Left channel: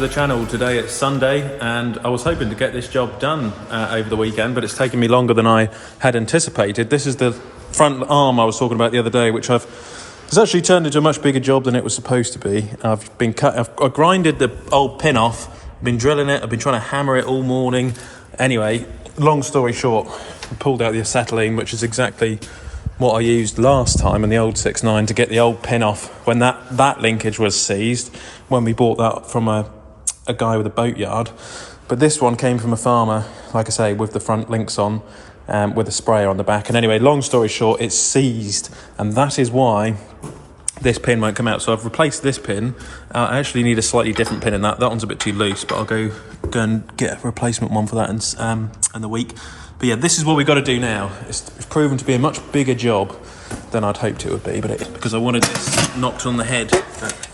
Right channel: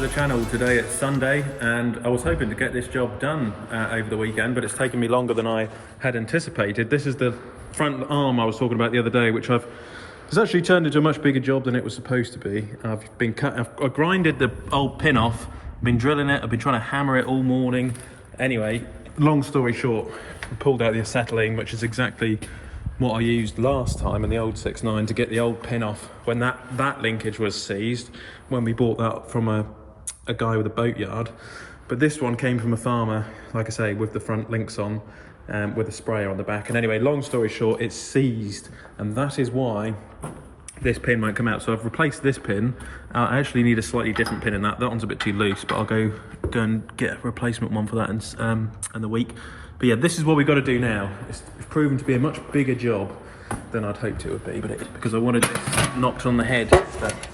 to the channel. Today it's Sunday and I was hoping to get this job done over the weekend, but it's taken me longer than I had anticipated. This is the front arm I was talking about the other day, which it's actually turned into a much bigger job than it was supposed to be. I've grinded the old pin off, been drilling it, I've been trying to hammer it all morning. Anyway, long story short, I pulled out the acetylene, which is exactly what I used last time in the old 6.9 to get the old pin off when that linkage was seized, when we bought that from a guy with a boatyard. But this one came from a farmer, like I say, with the front links on, with a sprayer on the back. And anyway, long story short, it's seized, and that is why this pin won't come out. So I've replaced this pin. I actually need a slightly different pin in that. That one's a bit too loose, but I'll go and get a replacement one for that in the week. But yeah, this is what we've got to do now. It's proven to be a much bigger job than I'd hoped it would be, but because I wanted this knocked on the head. But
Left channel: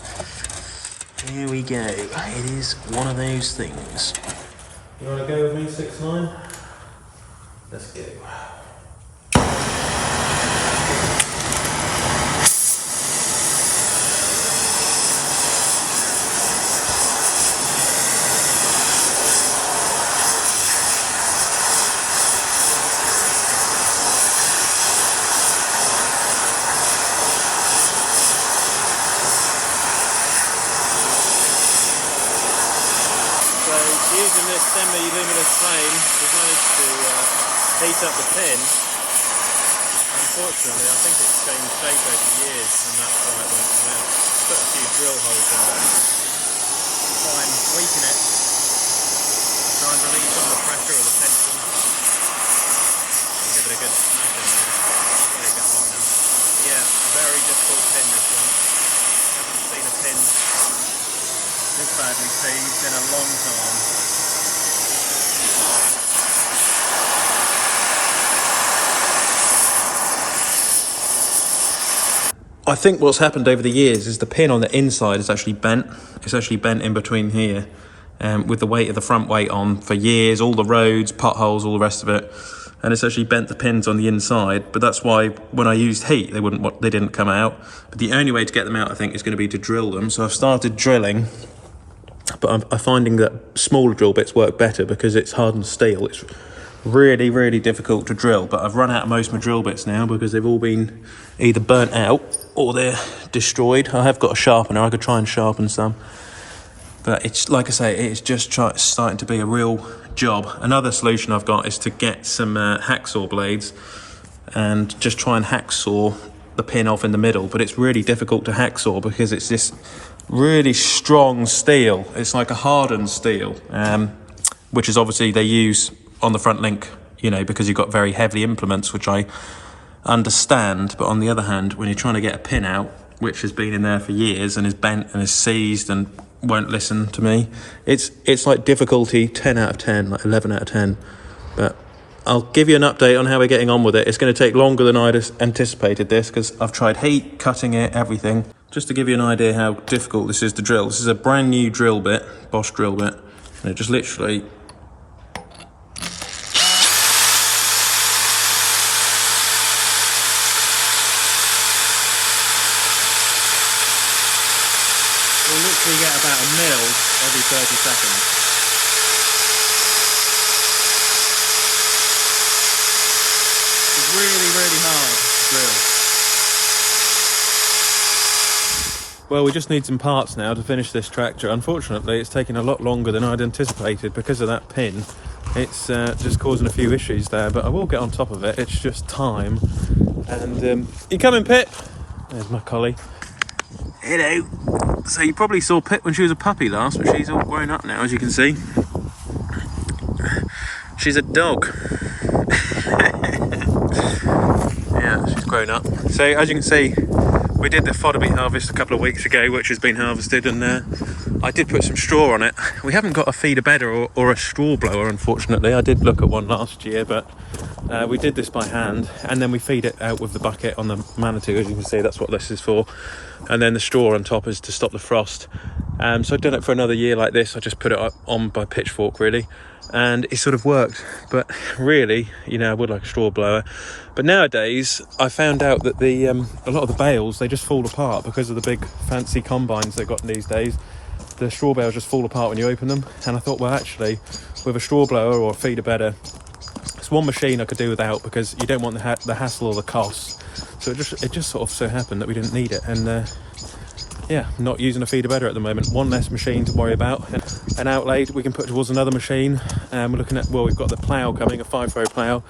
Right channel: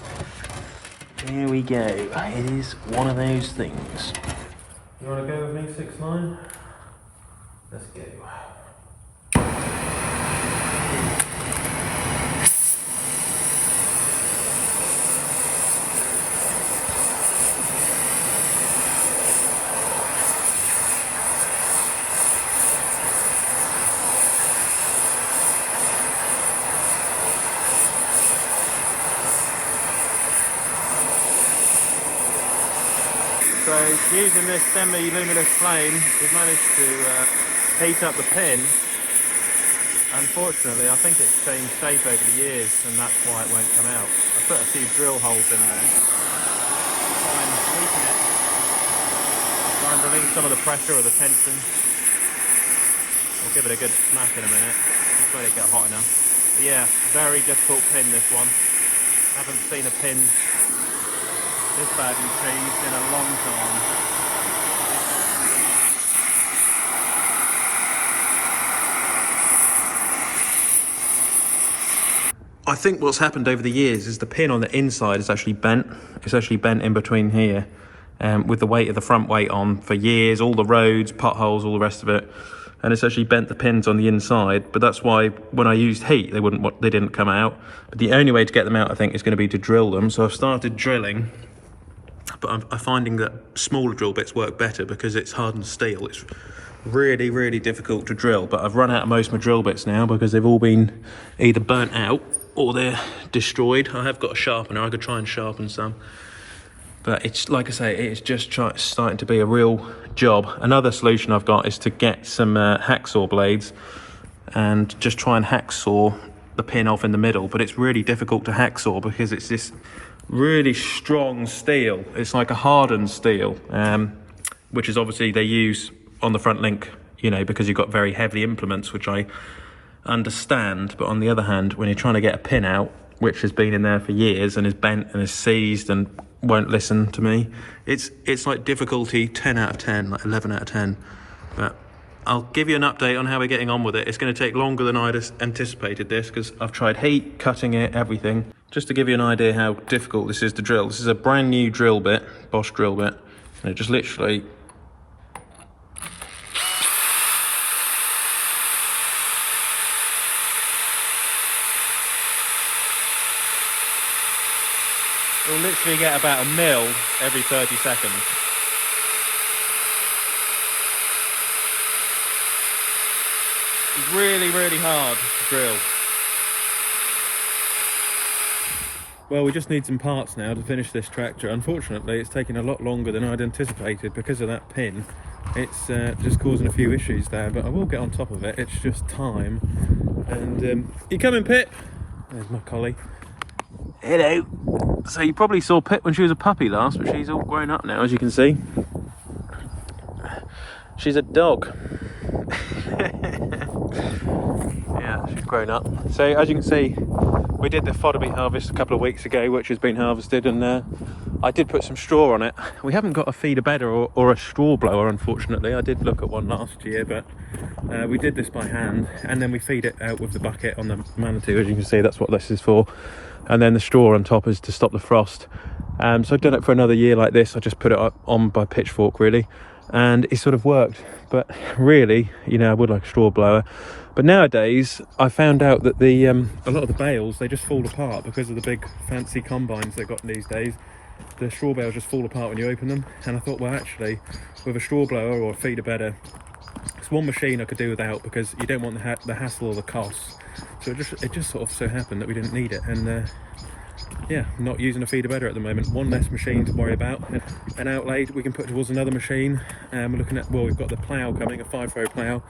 here we go. It is one of those things. You want to go with me, 6.9? Let's go. Using this semi-luminous flame, we've managed to heat up the pin. Unfortunately, I think it's changed shape over the years, and that's why it won't come out. Put a few drill holes in there. Try and weaken it. Try and relieve some of the pressure or the tension. Give it a good smack in a minute. Let it get hot now. Yeah, very difficult pin, this one. Haven't seen a pin this badly seized in a long time. I think what's happened over the years is the pin on the inside is actually bent. It's actually bent in between here, with the weight of the front weight on for years, all the roads, potholes, all the rest of it. And it's actually bent the pins on the inside, but that's why when I used heat, they didn't come out. But the only way to get them out, I think, is going to be to drill them. So I've started drilling, but I'm finding that smaller drill bits work better because it's hardened steel. It's really, really difficult to drill, but I've run out of most of my drill bits now because they've all been either burnt out or they're destroyed. I have got a sharpener, I could try and sharpen some. But it's, like I say, it's just starting to be a real job. Another solution I've got is to get some hacksaw blades and just try and hacksaw the pin off in the middle, but it's really difficult to hacksaw because it's this really strong steel. It's like a hardened steel, which is obviously they use on the front link, you know, because you've got very heavy implements, which I understand. But on the other hand, when you're trying to get a pin out, which has been in there for years and is bent and is seized and won't listen to me, it's like difficulty 10 out of 10, like 11 out of 10. But I'll give you an update on how we're getting on with it. It's going to take longer than I'd anticipated this because I've tried heat, cutting it, everything. Just to give you an idea how difficult this is to drill. This is a brand new drill bit, Bosch drill bit, and it just literally will literally get about a mil every 30 seconds. It's really, really hard to drill. Well, we just need some parts now to finish this tractor. Unfortunately, it's taken a lot longer than I'd anticipated because of that pin. It's just causing a few issues there, but I will get on top of it. It's just time. And you coming, Pip? There's my collie. Hello. So you probably saw Pip when she was a puppy last, but she's all grown up now, as you can see. She's a dog. Yeah, she's grown up. So as you can see, we did the fodder beet harvest a couple of weeks ago, which has been harvested, and I did put some straw on it. We haven't got a feeder bedder or a straw blower, unfortunately. I did look at one last year, but we did this by hand, and then we feed it out with the bucket on the Manitou. As you can see, that's what this is for. And then the straw on top is to stop the frost. So I've done it for another year like this. I just put it on by pitchfork, really, and it sort of worked. But really, you know, I would like a straw blower. But nowadays, I found out that a lot of the bales, they just fall apart because of the big fancy combines they've got these days. the straw bales just fall apart when you open them. And I thought, well, actually, with a straw blower or a feeder bedder, it's one machine I could do without, because you don't want the hassle or the costs. So it just sort of so happened that we didn't need it. And yeah, not using a feeder bedder at the moment. One less machine to worry about. And an outlay we can put towards another machine. And we're looking at, well, we've got the plough coming, a 5-furrow plough.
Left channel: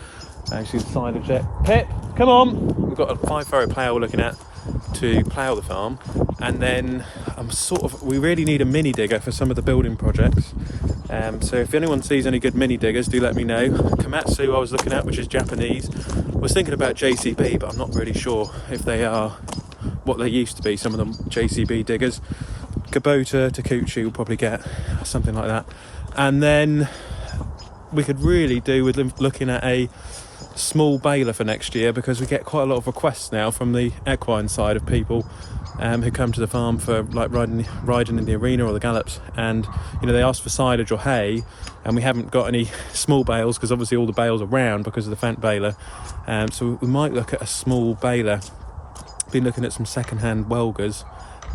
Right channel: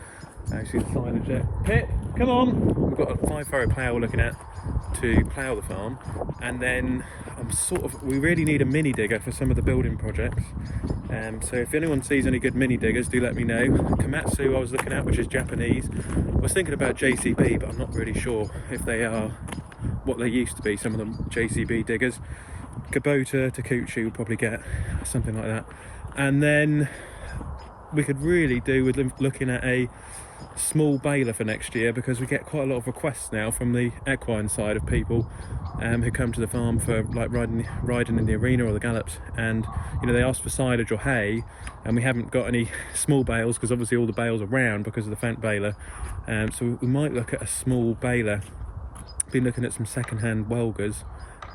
You see the signage there. Pip, come on! We've got a 5-furrow plough we're looking at to plough the farm. And then we really need a mini digger for some of the building projects. So if anyone sees any good mini diggers, do let me know. Komatsu I was looking at, which is Japanese. I was thinking about JCB, but I'm not really sure if they are what they used to be, some of them JCB diggers. Kubota, Takuchi will probably get something like that. And then we could really do with looking at a small baler for next year, because we get quite a lot of requests now from the equine side of people who come to the farm for like riding in the arena or the gallops, and you know, they ask for silage or hay, and we haven't got any small bales because obviously all the bales are round because of the Fendt baler. So we might look at a small baler. Been looking at some second-hand Welgers,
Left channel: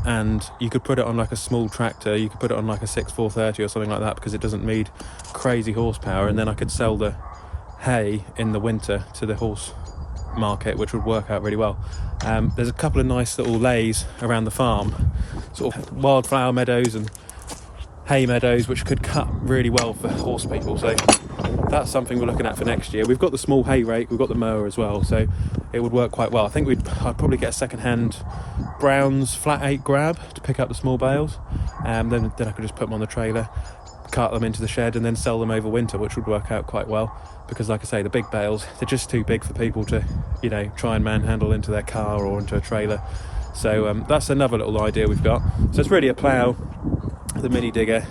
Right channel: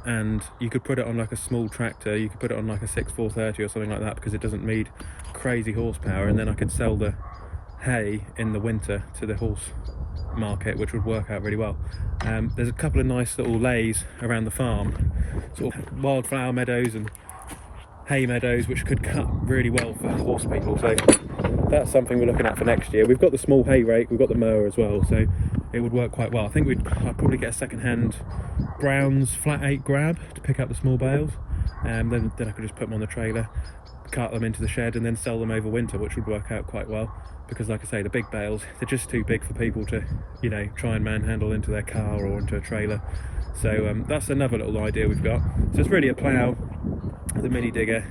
and you could put it on like a small tractor, you could put it on like a 6430 or something like that, because it doesn't need crazy horsepower, and then I could sell the hay in the winter to the horse market, which would work out really well. There's a couple of nice little lays around the farm, sort of wildflower meadows and hay meadows, which could cut really well for horse people. So that's something we're looking at for next year. We've got the small hay rake, we've got the mower as well, so it would work quite well. I think I'd probably get a second-hand Brown's flat 8 grab to pick up the small bales, then I could just put them on the trailer, cart them into the shed, and then sell them over winter, which would work out quite well. Because like I say, the big bales, they're just too big for people to, you know, try and manhandle into their car or into a trailer. So that's another little idea we've got. So it's really a plough, the mini digger,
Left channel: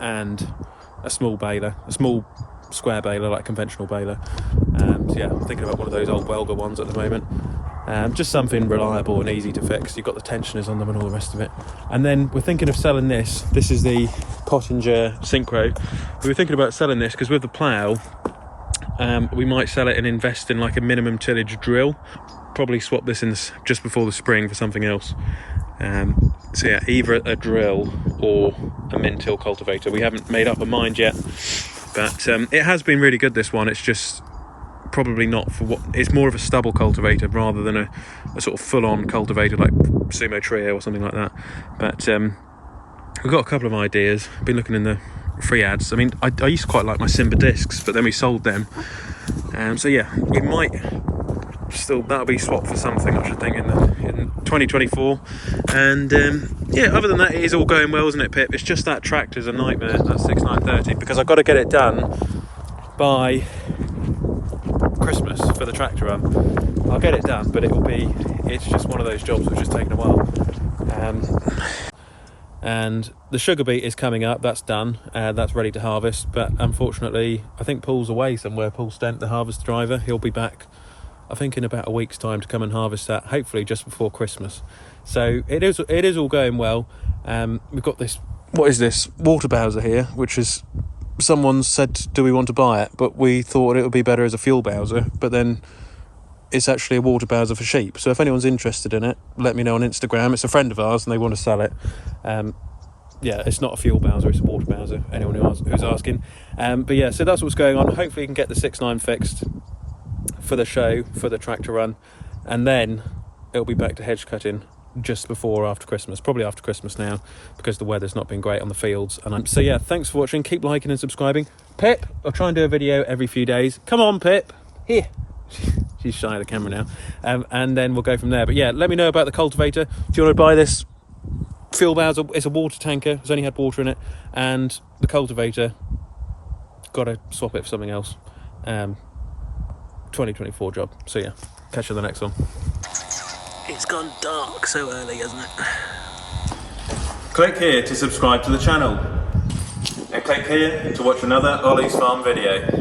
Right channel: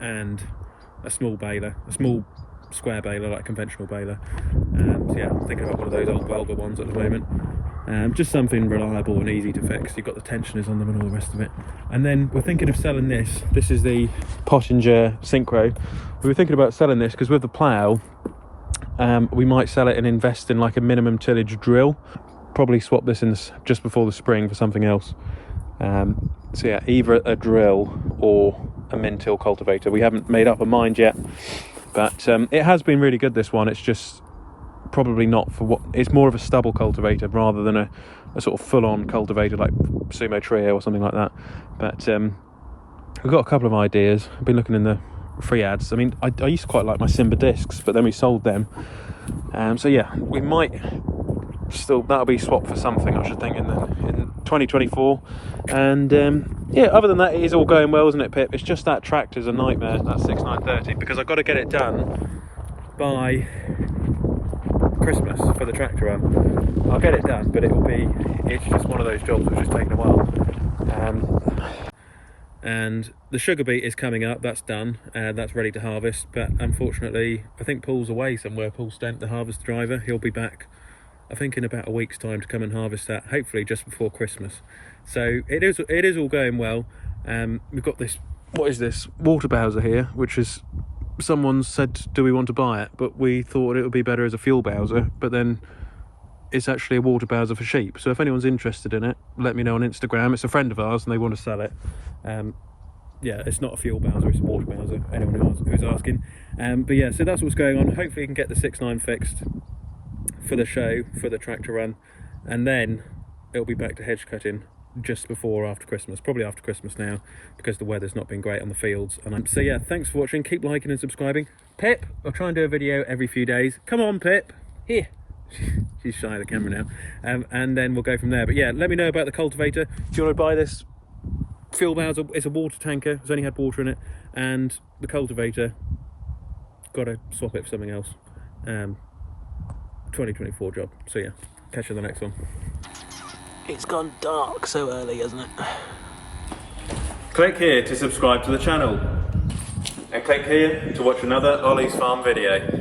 and a small baler, a small square baler, like a conventional baler. So yeah, I'm thinking about one of those old Welger ones at the moment. Just something reliable and easy to fix. You've got the tensioners on them and all the rest of it. And then we're thinking of selling this. This is the Pottinger Synchro. We were thinking about selling this because with the plough, we might sell it and invest in like a minimum tillage drill. Probably swap this in just before the spring for something else. So yeah, either a drill or a min-till cultivator. We haven't made up our mind yet, but it has been really good, this one. It's just probably not for what it's more of a stubble cultivator rather than a sort of full-on cultivator like Sumo Trio or something like that. But we've got a couple of ideas. I've been looking in the free ads. I mean, I used to quite like my Simba discs, but then we sold them. So yeah, we might still, that'll be swapped for something, I should think, in 2024. And yeah, other than that, it is all going well, isn't it, Pip? It's just that tractor's a nightmare, that 6930, because I've got to get it done by Christmas for the tractor run. I'll get it done, but it's just one of those jobs which is taking a while. And the sugar beet is coming up, that's done, that's ready to harvest, but unfortunately I think Paul's away somewhere. Paul Stent, the harvest driver, he'll be back I think in about a week's time to come and harvest that, hopefully just before Christmas. So it is all going well. We've got this, what is this, water bowser here, which is, someone said do we want to buy it, but we thought it would be better as a fuel bowser, but then it's actually a water bowser for sheep. So if anyone's interested in it, let me know on Instagram. It's a friend of ours and they want to sell it. Yeah, it's not a fuel bowser, it's a water bowser, anyone who's asking. But yeah, so that's what's going on. Hopefully you can get the 6.9 fixed for the show, for the tractor run, and then it'll be back to hedge cutting just before or after Christmas, probably after Christmas now, because the weather's not been great on the fields. And so yeah, thanks for watching, keep liking and subscribing. Pip, I'll try and do a video every few days. Come on, Pip, here. She's shy of the camera now. And then we'll go from there. But yeah, let me know about the cultivator. Do you want to buy this fuel bowser? It's a water tanker, it's only had water in it, and the cultivator, got to swap it for something else. 2024 job. So yeah, catch you on the next one. It's gone dark so early, hasn't it? Click here to subscribe to the channel, and click here to watch another Olly's Farm video.